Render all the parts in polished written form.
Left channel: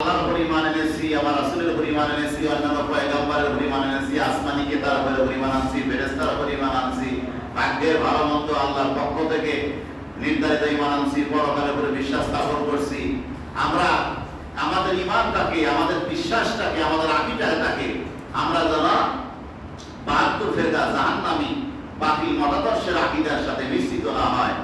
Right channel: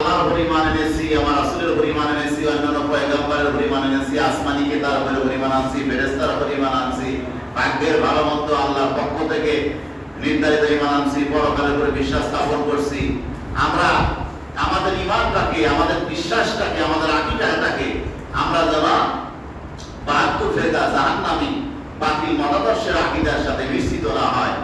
আল্লাহর উপর ঈমান এনেছি, আমার রাসূলের উপর ঈমান এনেছি, অন্যান্য পয়গম্বরের উপর ঈমান এনেছি, আসমানি কিতাবের উপর ঈমান আনছি, ফেরেশতার উপর ঈমান আনছি, ভাগ্যের ভালো মন্দ আল্লাহর পক্ষ থেকে নির্ধারিত ঈমান আনছি, পরকালের উপর বিশ্বাস স্থাপন করছি। আমরা আমাদের ঈমানটাকে, আমাদের বিশ্বাসটাকে, আমাদের আকীদাটাকে আমরা যেন ৭২ ফেরকা জাহান্নামী বাতিল মতাদর্শের আকীদার সাথে মিশ্রিত না হয়।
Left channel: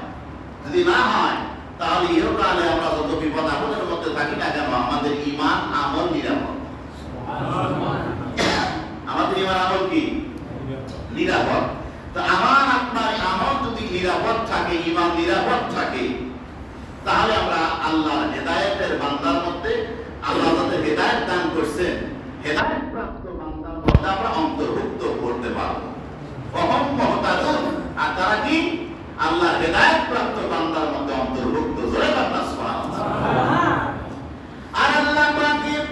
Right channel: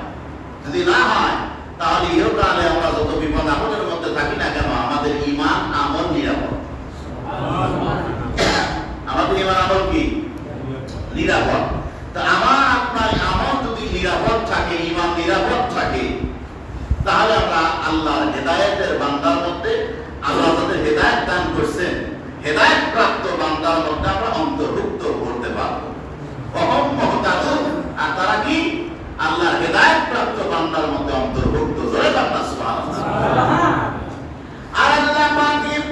যদি না হয় তাহলে ইহকালে আমরা যত বিপদ আপদের মধ্যে থাকি না কেন আমাদের ঈমান আমল নিরাপদ। আমাদের ঈমান আমল কি নিরাপদ। তো আমার আপনার আমল যদি নিরাপদ থাকে, ঈমান নিরাপদ থাকে, তাহলে আমরা আল্লাহর হেদায়েতের বান্দার মধ্যে, আল্লাহ আমাদের হেদায়েত দান করছেন, হেদায়েত প্রাপ্ত বান্দার মধ্যে আমরা অন্তর্ভুক্ত করতে পারবো। অহম মুহতাদুন, আর তারা কি আল্লাহর হেদায়েত প্রাপ্ত বান্দার মধ্যে অন্তর্ভুক্ত। জোরে বলুন সুবহানাল্লাহ। আর আল্লাহ পাকের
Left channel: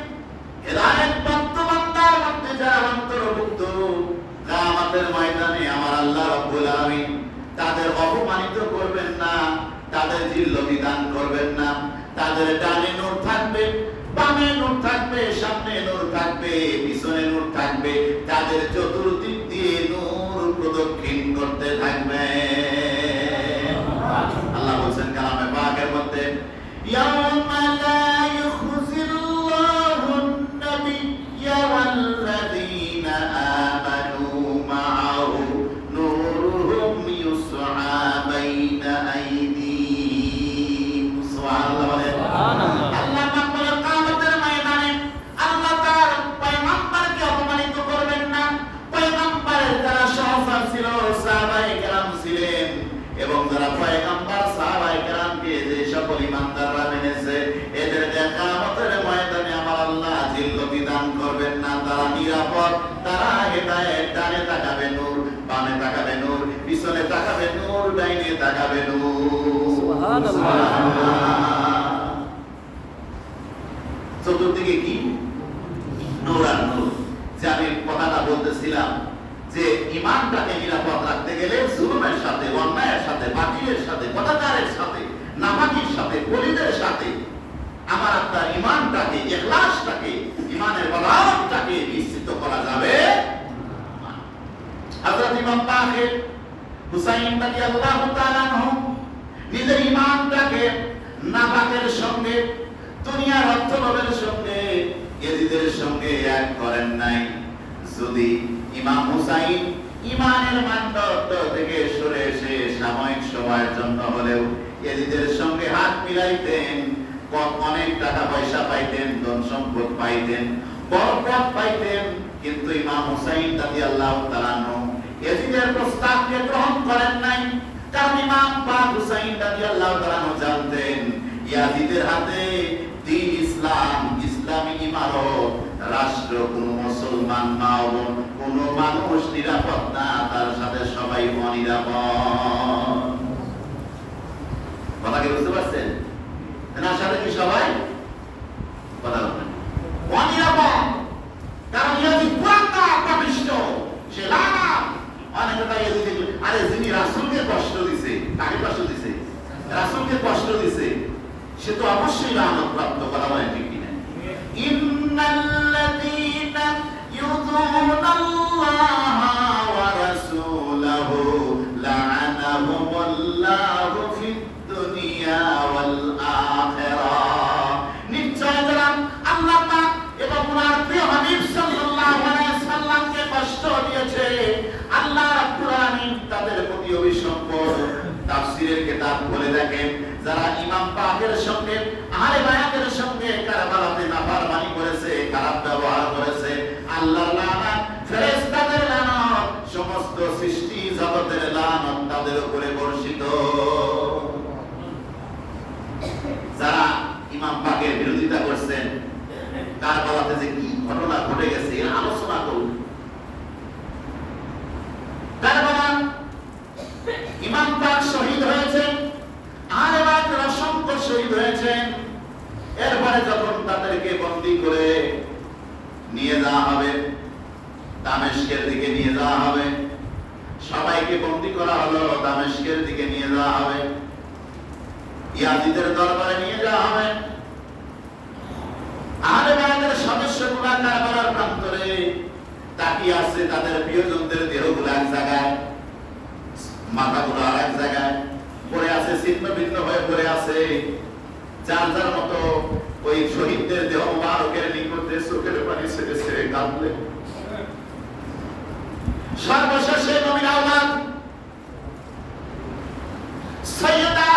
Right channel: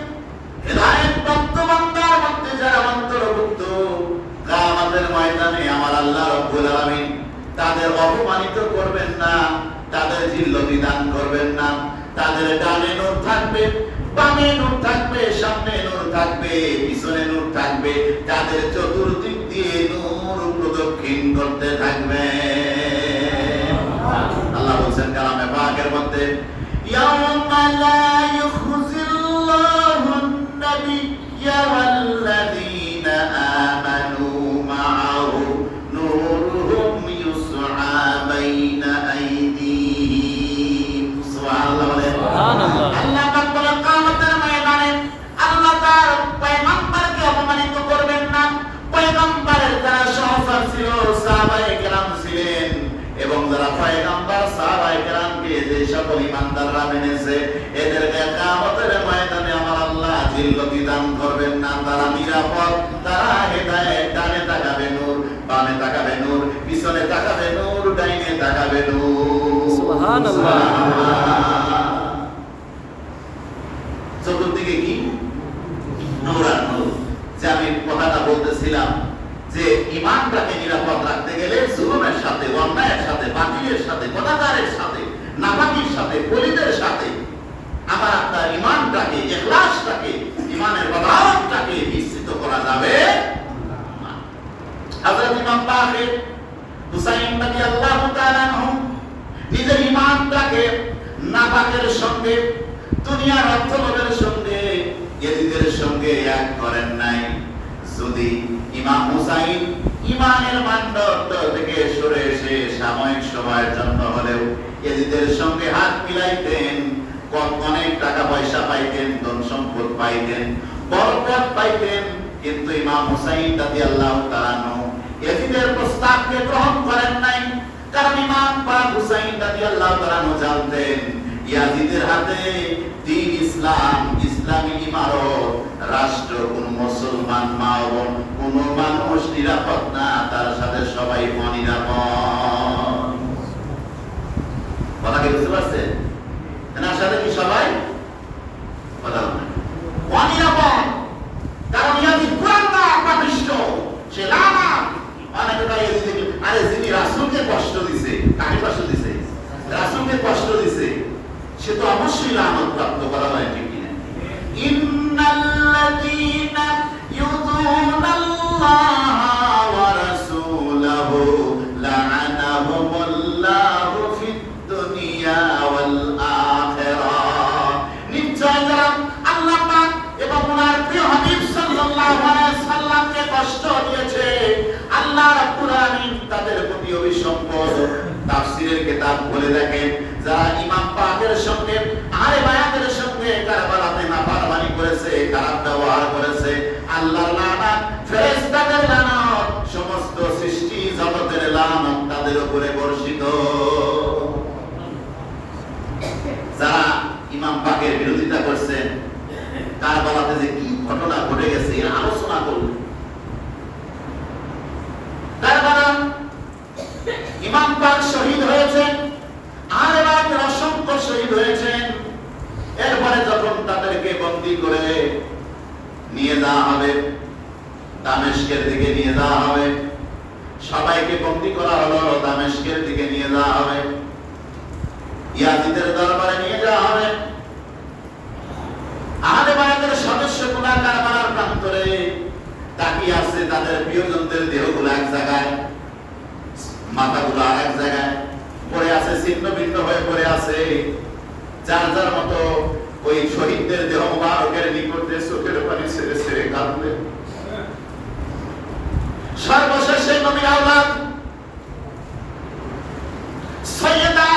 হেদায়েত প্রাপ্ত বান্দার মধ্যে যারা অন্তর্ভুক্ত, কিয়ামতের ময়দানে আমার আল্লাহ রাব্বুল আলামিন তাদের অপমানিত করবেন না, তাদের জিল্লতি দান করবেন না। তাদের ডানে নূর থাকবে, বামে নূর থাকবে, সামনে নূর থাকবে, পিছনে নূর থাকবে, তাদের চতুর্দিক দিয়ে নূর প্রদক্ষিণ করতে থাকবে। আল্লাহ বলেন কালামে পাকের মধ্যে, ইয়াউমা লা ইউখজিল্লাহুন নাবিয়্যা ওয়াল্লাযীনা আমানু মা'আহু নূরুহুম ইউসআ বাইনা আইদিহিম। সুবহানাল্লাহ। আল্লাহ পাক বলেন কিয়ামতের ময়দানে আল্লাহ তার পয়গম্বরকে অপমানিত করবেন না। পয়গম্বরের যারা সহচর ছিল, সাহাবায়ে কেরাম ছিলেন, এবং যারা পয়গম্বর সাহাবায়ে কেরামকে যে সকল ঈমানদাররা মেনেছে, এদের কিয়ামতের ময়দানে আমার আল্লাহ জিল্লতি দান করবেন না। তারা নিরাপদ, তারা হেদায়েত, ডানে তাকাবে নূর, বামে তাকাবে নূর, পিছনে তাকাবে নূর, ডাইনে তাকাবে নূর। সুবহানাল্লাহ। চতুর্দিকে কি নূর আর নূর। যে আমি কথাটা বলতেছিলাম যে ঈমানটাকে নিরাপদ রাখতে গেলে জুলুমের সাথে, অন্যায়ের সাথে, বাতিলের সাথে, কথাকারের সাথে, নাপাকির সাথে, পলিদের সাথে আমার আপনার ঈমানটাকে, ইখলাসটাকে, ঈমানের বলারটাকে মিশ্রিত করা যাবে না। হযরত ইমাম বাকির হুসাইন রাদিয়াল্লাহু তাআলা আনহু নিজের ঈমানটাকে নাপাকের সঙ্গে, দুনিয়ার অর্থলোভের সঙ্গে, ইয়াজিদের সঙ্গে এক করেন নাই। যদি ইমাম হুসাইন ঈমানের মানদণ্ড থেকে সরে এসে সাময়িক সময়ের জন্য হলেও ইয়াজিদের সঙ্গে হাত মিলাইতেন, অনেক টাকা পয়সা পাইতেন, ধন সম্পদ পাইতেন, বরকত পাইতেন, কিন্তু ইমাম হুসাইন রাদিয়াল্লাহু তাআলা আনহু ইয়াজিদের প্রস্তাবকে গ্রহণ করেন নাই। কারণ ইমাম পাক হুসাইন রাদিয়াল্লাহু তাআলা আনহু জানতেন ইয়াজিদের হাতে দ্বীন ইসলাম, ইসলামী ইমারত, রাষ্ট্র, কোন মুসলমান মা বোন, কোন মানুষ নিরাপদ না, তার সাথে সবাই অনিরাপদ। কথাকে বুঝতে পারছেন? তার সাথে কি সবাই অনিরাপদ? কারণ ইয়াজিদ কুরানদার পাপিষ্ঠ, সে লানত। অনেকে তাই আরে যিনি রাসূলকে কষ্ট দিছে, কাকে কষ্ট দিছে? রাসূলকে কষ্ট দিছে, সে তো অবশ্যই লানত প্রাপ্ত। করা হয় ঠিক কিনা? ইন্নাল্লাযীনা ইউযুনাল্লাহা ওয়া রাসূলাহু লা'আনাহুমুল্লাহু ফিদ দুনিয়া ওয়াল আখিরাহ। নিশ্চয় যারা আল্লাহ পাক এবং ওনার প্রিয় হাবিব সাল্লাল্লাহু আলাইহি সাল্লামকে কষ্ট দিয়েছে, আল্লাহ রাব্বুল আলামিন তাদের প্রতি অভিসম্পদ। তাফসীরের কিতাব বলে দেখেন, যারা ইমাম পাকের সঙ্গে, আহলে বায়াতের সঙ্গে কারবালাতে নাফরমানি করেছে, খারাপ ব্যবহার করেছে, আল্লাহর লানত, ফেরেশতাদের লানত, সমস্ত সৃষ্টি জগতের লানত তাদের উপরে বর্ষিত। যারা ইমাম পাকের বিরোধিতা করছেন, কারবালাতে যে কি ঘটনা ঘটে গেছে এর আলোচনা করুন। কারবালা ইমাম পাক শহীদ হয়েছেন, আহলে বায়াতের অসংখ্য শহীদ হয়েছেন। এরপরে যখন তাদেরকে বন্দী করে নিয়ে যাওয়া হবে, দামেস্কের দিকে নিয়ে যাওয়া হবে, সবাইকে বন্দী করা হলো, দামেস্কের দিকে নিয়ে যাওয়া হবে, ইয়াজিদের দরবারে নিয়ে যাওয়া হবে। তারা কারবালার প্রান্তরে তাকিয়ে আছে, তাদের প্রিয়জনদের দেহগুলো এক জায়গায়, মাথাগুলো আর এক জায়গায় পড়ে আছে, ছিন্ন ভিন্ন হয়ে পড়ে আছে। যার যার মতো ওই শহীদদের দেহ মুবারকের নিকটে চোখের পানি ছেড়ে ছেড়ে কাঁদলে। সর্বশেষে নবীর আওলাদ সাইয়্যিদা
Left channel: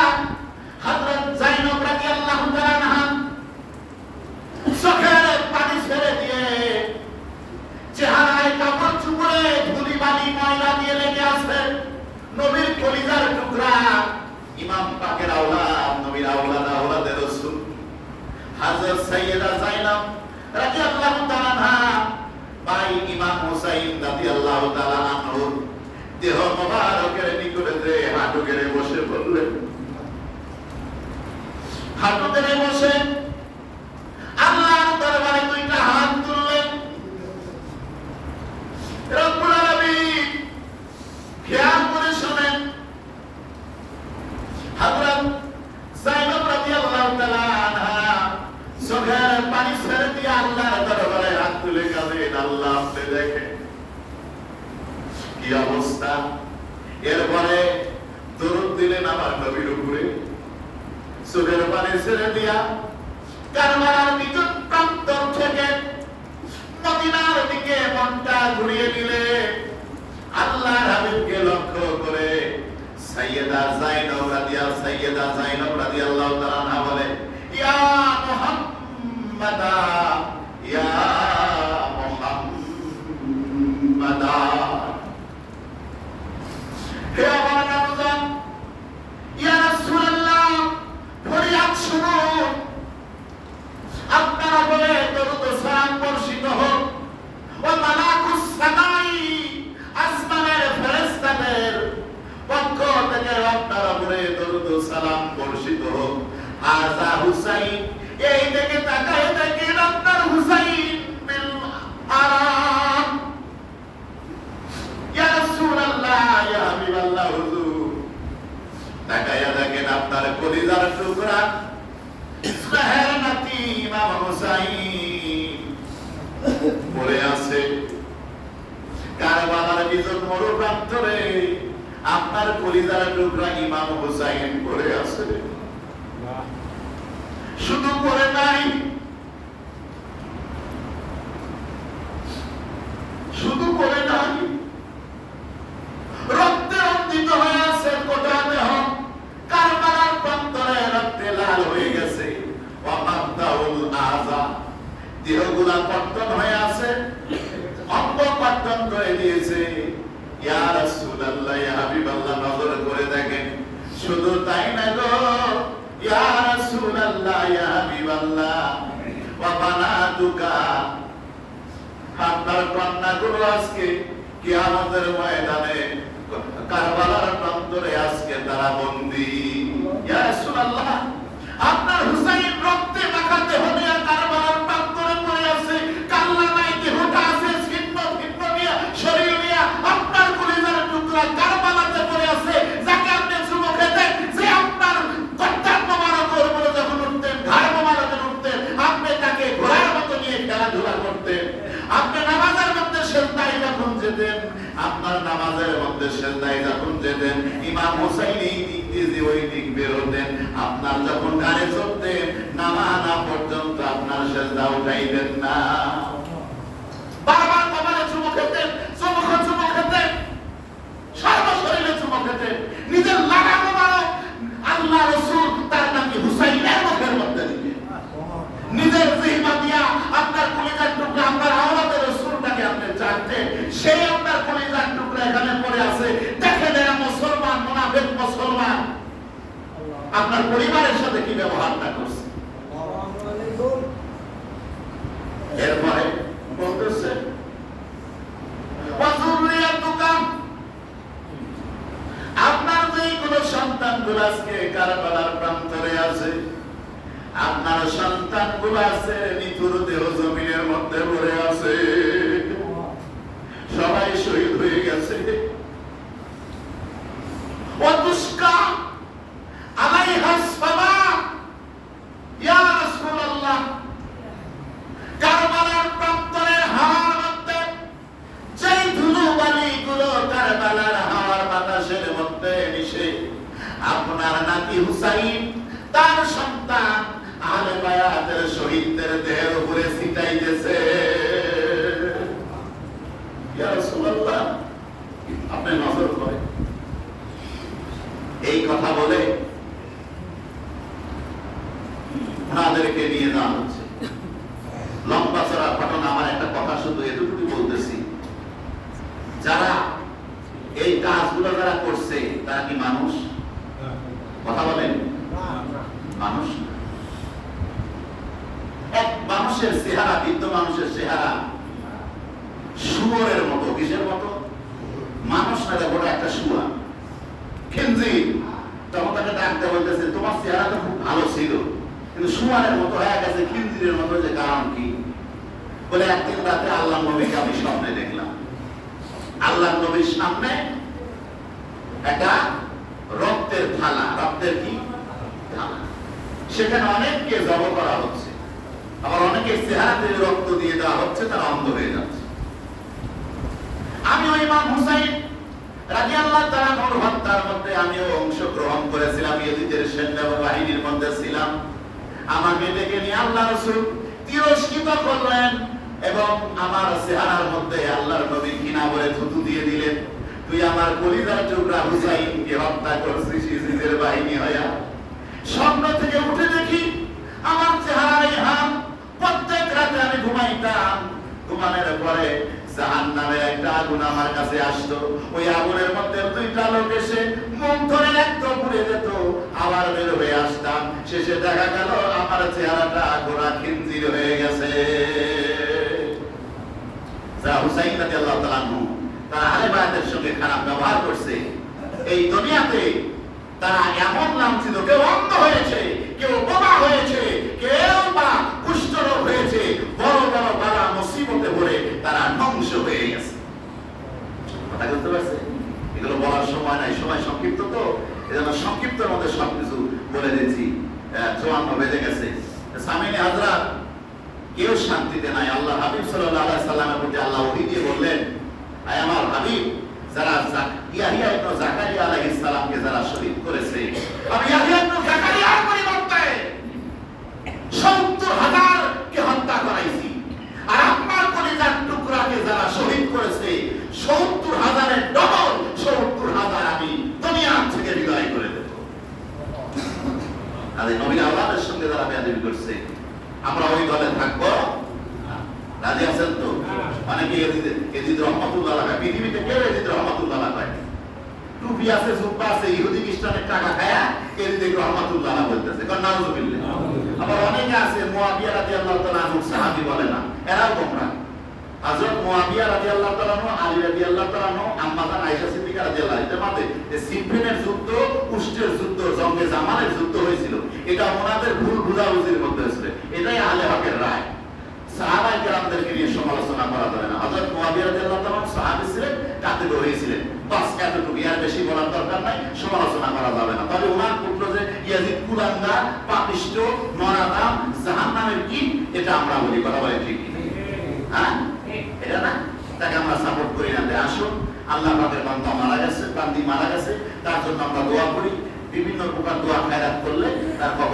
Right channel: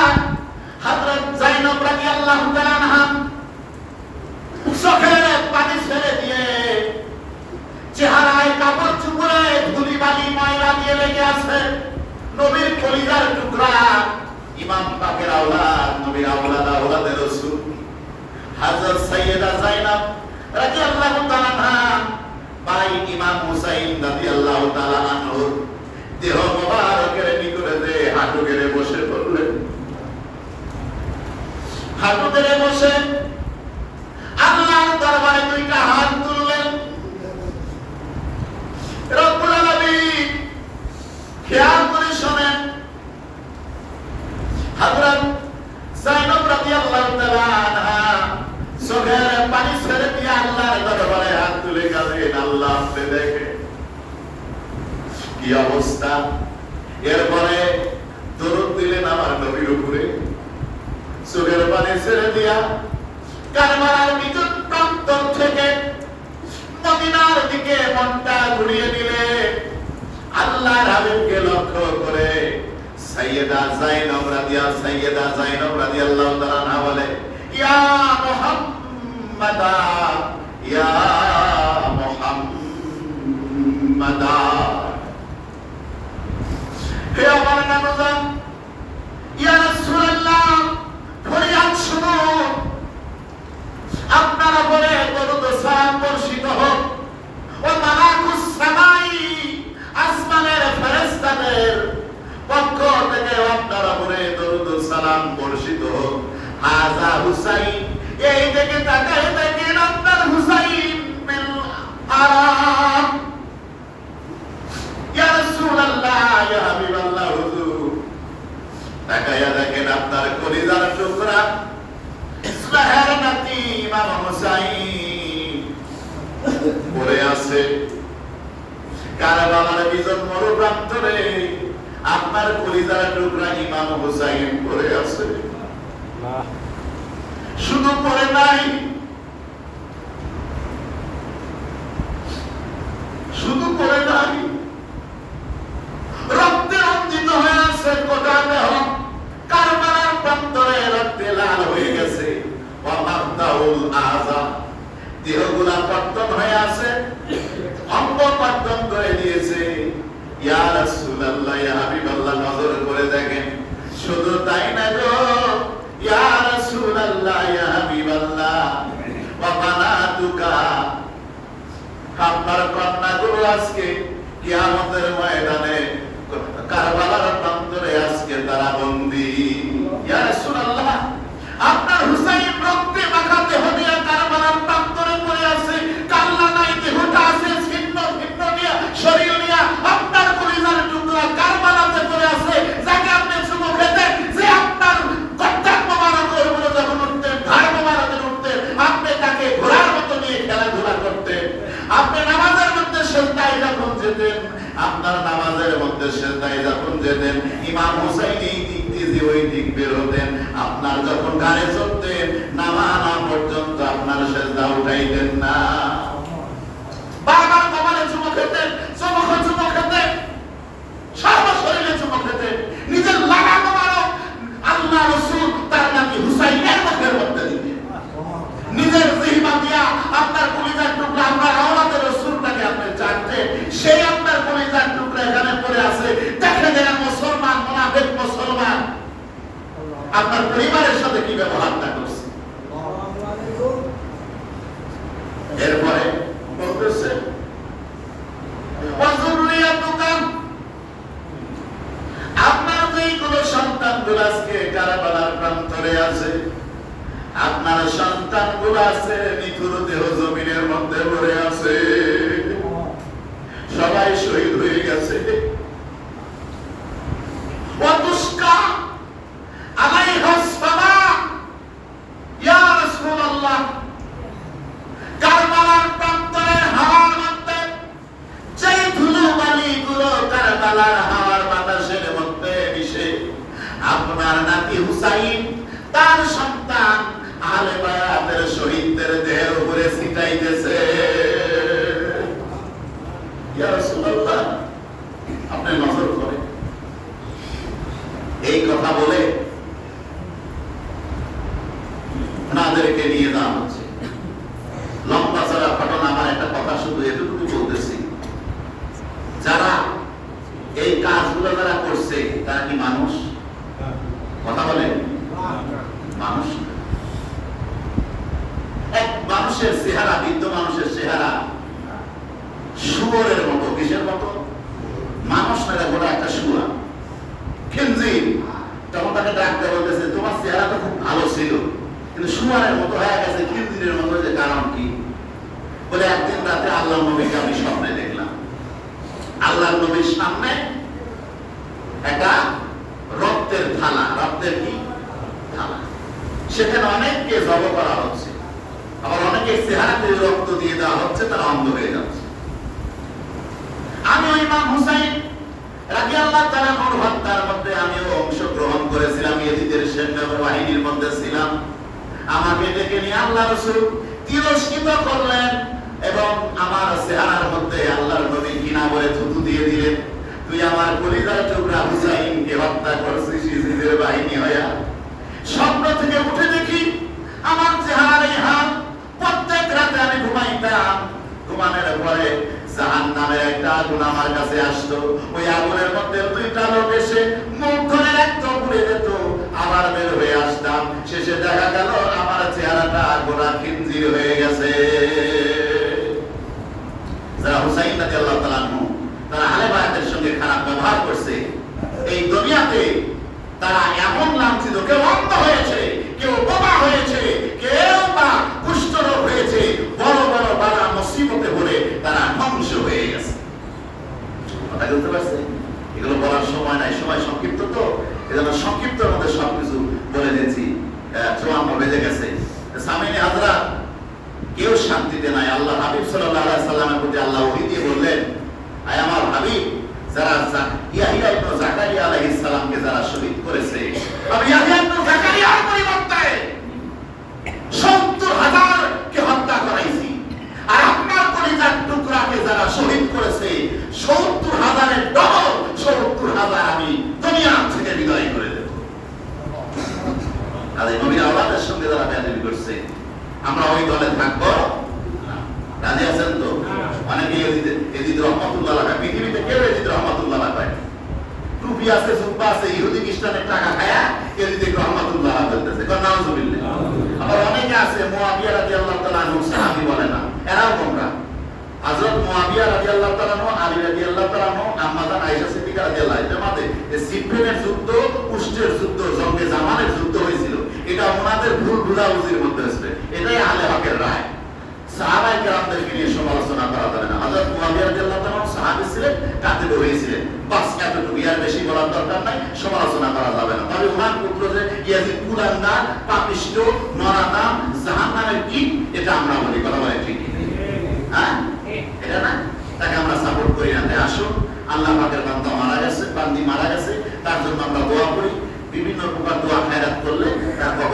হযরত যায়েনব রাদিয়াল্লাহু তাআলা আনহা চোখের পানি ছেড়ে দিয়ে, চেহারায় কাপড় চুপড়ে ধুলি বালি ময়লা দিয়ে লেগে আছে, নবীর কলিজার টুকরা, ইমাম পাকের আওলাদ, নবীর আওলাদ, আওলাদের রাসূল হযরত সাইয়্যিদা যায়েনব রাদিয়াল্লাহু তাআলা আনহা ভাই ইমাম হুসাইন রাদিয়াল্লাহু তাআলা আনহুর দেহ মোবারকের নিকটে হাঁটু গেড়ে বসে পড়লেন। হাঁটু গেড়ে বসে আল্লাহর দরবারে দুইটা হাত তুললেন। রব্বুল আলামিন খেয়াল করে শোনেন, হযরত যায়েনব রাদিয়াল্লাহু তাআলা আনহা চোখের পানি ছেড়ে দিয়ে আল্লাহর দরবারে হাত তুলে কাঁদেন। আল্লাহ আপনি দেখেন কি অবস্থা। এরপরে দরুদ দিলেন আমার নবীর উপরে, চোখের পানি ছেড়ে দিয়া কারবালার নিকট প্রান্তর থেকে মদিনার দিকে মনটা ঘুরিয়ে দিলে আল্লাহর হাবিবকে লক্ষ্য করে সাইয়্যিদা যায়েনব রাদিয়াল্লাহু তাআলা আনহা বলে, ইয়া মুহাম্মাদা, ইয়া মুহাম্মাদা, হে আমার নবজান, ইয়া রাসূলুল্লাহ, ফরিয়াদ শুনুন, আপনার উপরে দরুদ ও সালাম বর্ষিত হোক। ওয়া মালাকুস সামাই, আসমানের ফেরেশতাদের পক্ষ থেকে আপনার উপরে দরুদ ও সালাম বর্ষিত হোক। হাযা হুসাইন, এই দিকে তাকায় দেখেন আপনার হুসাইন বিল আরাম। ইয়া রাসূলুল্লাহ, ইয়া হাবিবাল্লাহ, হুজুর তাকায় দেখেন আপনার কলিজার টুকরা ইসলাহের নাতি ইমাম হুসাইন পড়ে আছে কারবালার বিজন মরু প্রান্তরে। আপনার কলিজার টুকরা ইমাম হুসাইন পড়ে আছে। শুধু পড়ে নাই, শুধু পড়ে নাই, রক্তে রঞ্জিত হয়ে আছে গোটা দেহ। কারবালার প্রান্তরে রক্তে লাল হয়ে গেছে। ওয়ামাদাউল আযা, দেহগুলা কর্তন হয়ে আছে, অঙ্গ কর্তন করে দিয়েছে। ইয়া রাসূলুল্লাহ, ইয়া হাবিবাল্লাহ, নজর করে দেখেন। শুধু তাই না গো, ইয়া রাসূলুল্লাহ, ইয়া হাবিবাল্লাহ, ওয়া বানাতুকা, আপনার কন্যাগুলো আজকে কিয়ামতের ময়দানে কারবালার প্রান্তরে আজকে তারা বন্দী। ইয়া রাসূলুল্লাহ, আপনার হুসাইন রক্তে মাখা দেহ নিয়ে কারবালার প্রান্তরে পড়ে আছে। কাল্লা নাই, দেহটা আছে ছিন্ন ভিন্ন নিয়ে, শরীর নিয়ে আপনার কলিজার টুকরা কারবালাতে পড়ে আছে। যাকে আপনি চুমো খেতেন, যে আপনার কর্তার মোবারকের উপরে যখন উঠতেন, ভার মোবারকের উঠতেন, আপনি তাকে ঘোড়ার মতো নিয়ে খেলাধুলা করতেন। আপনি নামাজের মধ্যে সেজদায় যখন যেতেন, আপনার নামাজের মধ্যে সেজদায় যখন যেতেন, ইমাম হুসাইন এই দিক দিয়ে ওই দিক বের হতেন। আপনার যখন গানে চড়তেন, নামানা পর্যন্ত আপনার সেজদা উঠাইতেন না। বারবার কপালে চুমো খেতেন, চুমো খেতেন, সর্বশরীরে চুমো খেতেন। নিজের লাগা মোবারক আল্লাহ রাসূল তার নাকি হুসাইনের মুখের মধ্যে দিতেন। নিজের জিহ্বা দিয়া আপনার কলিজার টুকরা, আপনার আওলাদের রাসূলটাকে আপনি জানতেন। সেই আপনার কলিজার টুকরা এখানে পড়ে আছে। দেখেন এরা মুসলমান, মুনাফিক মুসলমান আপনার পরিবারের সাথে কি ব্যবহারটা করছে। এরপরে বলতেছে, ওয়াজুরিয়াতুকা, আপনার যেগুলো সন্তানগুলো আজকে কারবালার প্রান্তরে আছে, আপনার সন্তানগুলো আছে নিথুর দেহ জমিনের মধ্যে পড়ে আছে, সবাই শহীদ হয়ে গেছে। ওয়াতুসকা আলাইহাস সামা, ইয়া রাসূলুল্লাহ, কারবালার প্রান্ত হুসাইন তার সন্তান আহলে বায়াতের শহীদদের দেহের উপরে ছিটাইতেছে। ইয়া রাসূলুল্লাহ, আপনি নজর করেন। এই কথা বলে ওনাদেরকে নিয়ে যাওয়া হচ্ছে। লম্বা চড়া ঘটনা, আমার একটা কথা শুধু এতটুকু বলতেছি, যারা এই কাজগুলো যারা করছে তারা কি মানুষ? কথা বলেন, মানুষ। এক মানুষের চেহারা, বৃদ্ধ মানুষের চেহারা শুয়োরের মতো। কিসের মতো? মানুষ না, দেখো একটা শুয়া, খিনজির। তখন তাকে ডাক্তার বলতেছে, তোমার চেহারা তো খুব ভালো ছিল, কিন্তু শুয়ারের মতো হয়ে গেছে, খিনজিরের মতো। যে কারণ কি? বলে একদিন রাতে আল্লাহ নবীকে আমি স্বপ্নে দেখলাম। আল্লাহ নবীর সামনে একটা রক্তের থালা, রক্তের কি থালা, সেখানে অনেককে জব করা হচ্ছে, আবার অনেকের চেহারাতে রক্ত দিয়ে দেওয়া হচ্ছে, তারা অন্ধ হয়ে যাচ্ছে। আমি ইমাম হুসাইন রাদিয়াল্লাহু তাআলা আনহু হত্যার মধ্যে আমিও অংশগ্রহণ করেছিলাম, ইয়েজিদের সেনাবাহিনীর মধ্যে ছিলাম। আমাকে ডেকে নিয়ে আল্লাহ রাসূল তিরস্কৃত করলেন এবং আমার চেহারার মধ্যে আল্লাহর নবী ঘৃণা বলে থুতু দিয়ে দিলেন। তুই আমার কলিজার টুকরা হুসাইনকে হত্যা করছিস নিজের বাহিনী হইয়া। স্বপ্ন থেকে উঠে দেখি আমার চেহারা নেই হাত। প্রত্যেক রাতে আমি ঘুমাইতাম, ঘুমানোর পরে জাহান্নামের একটা আগুন আমার কাছে আসতো। ওই আগুনের মধ্যে দুইটা লোক এসে মুখ ধরে একদম পুড়ে যেত, আবার বের হয়ে আসতাম। শেষে দেখা গেল আমার চেহারাটা গোড়া খিনজির হয়ে গেছে। যারা হুসাইন রাদিয়াল্লাহু তাআলা আনহু তারা আহলে বায়াতের সঙ্গে খারাপ ব্যবহার করছে, এই দুনিয়াতে তারা এমন লাঞ্ছিত, কেউ অন্ধ হয়েছে, কেউ বোবা হয়েছে, কেউ বা কুষ্ঠরোগ হয়েছে, বড় বড় বালা মুসিবতে পড়ে তারা ধ্বংস হয়ে গেছে। কথা বলতে পারছেন? এগুলো বলার সময় নাই, সময় সংক্ষিপ্ত, তো এজন্য সংক্ষিপ্তের মধ্যে সবকিছু বলে দিয়েছি। জোয়ান বেজে গেছে। সামিনে হাজরাত, কেউ শান্তিতে নাই। আল্লাহ হাবিব সাল্লাল্লাহু আলাইহি সাল্লামের প্রতি আল্লাহ ওহী দিয়ে বললেন, আয় আমার হাবিব, যারা ইয়াহইয়া ইবনে যাকারিয়া আলাইহিস সালামকে যারা শহীদ করেছে, আর ইয়াহইয়া ইবনে যাকারিয়ার পরিবর্তে ৭০,০০০ কে হত্যা করাইছি, আর আপনার কলিজার টুকরাকে যারা শহীদ করেছে ৭০,০০০ এর ডবল ৭০,০০০ আমি দুনিয়া থেকে বিদায় করে দেব। আর এই নবীর আওলাদের সঙ্গে যারা বেয়াদবি করছে, আমরা ওই দলে থাকবো। রাজি আছেন তো? অনেকে এজিদ রহমাতুল্লাহ আলাইহি, পৃথিবীতে কেউ এজিদ রহমাতুল্লাহ আলাইহি টুপি আছে, জুব্বা আছে, ইহুদি খ্রিস্টানের টাকা খায়া এজিদ রহমাতুল্লাহ আলাইহি বলতেছে। কারণ নাউজুবিল্লাহ। আবার অনেকে আছে মুয়াবিয়া রাদিয়াল্লাহু তাআলা আনহু সাহাবী বলে না, এরাও গোমরা। হযরত মুয়াবিয়া রাদিয়াল্লাহু তাআলা আনহু, আলী রাদিয়াল্লাহু তাআলা আনহু, আম্মা জান আয়েশা সিদ্দিকা রাদিয়াল্লাহু আনহা, জামাতে এই সিফিনের যুদ্ধ, উষ্টের যুদ্ধ, জঙ্গে জামানের যুদ্ধ হয়েছিল। এটা ওনাদের ভুল বুঝাবুঝির মধ্যে হয়েছিল। এটাই আহলে হকের রায়। সাহাবায়ে কেরামদেরকে নিয়ে সমালোচনা করা যাবে না। হযরত মুয়াবিয়া রাদিয়াল্লাহু তাআলা আনহু সাহাবী ছিলেন, কাতিল হয়েছিলেন, বাস এতটুকু, আর বেশি বলার দরকার নাই, সমালোচনা করা যাবে না। তবে ওনার পুত্র যে ইয়াজিদ কুরানদার, পাপিষ্ঠ, নরাদাম, জাহান্নামের কীট, এটা আমরা বলি। কথা বলে ঠিক? হ্যাঁ, এটা না, তাকে আমরা সাপোর্ট করি না। আসুন, আল্লাহ পাকের বান্দা মারা গেছে, বান্দি মারা গেছে, তার জন্য আমরা দোয়া করি। বিভিন্ন প্রকার দোয়া খায়রাত করলে তার কবরে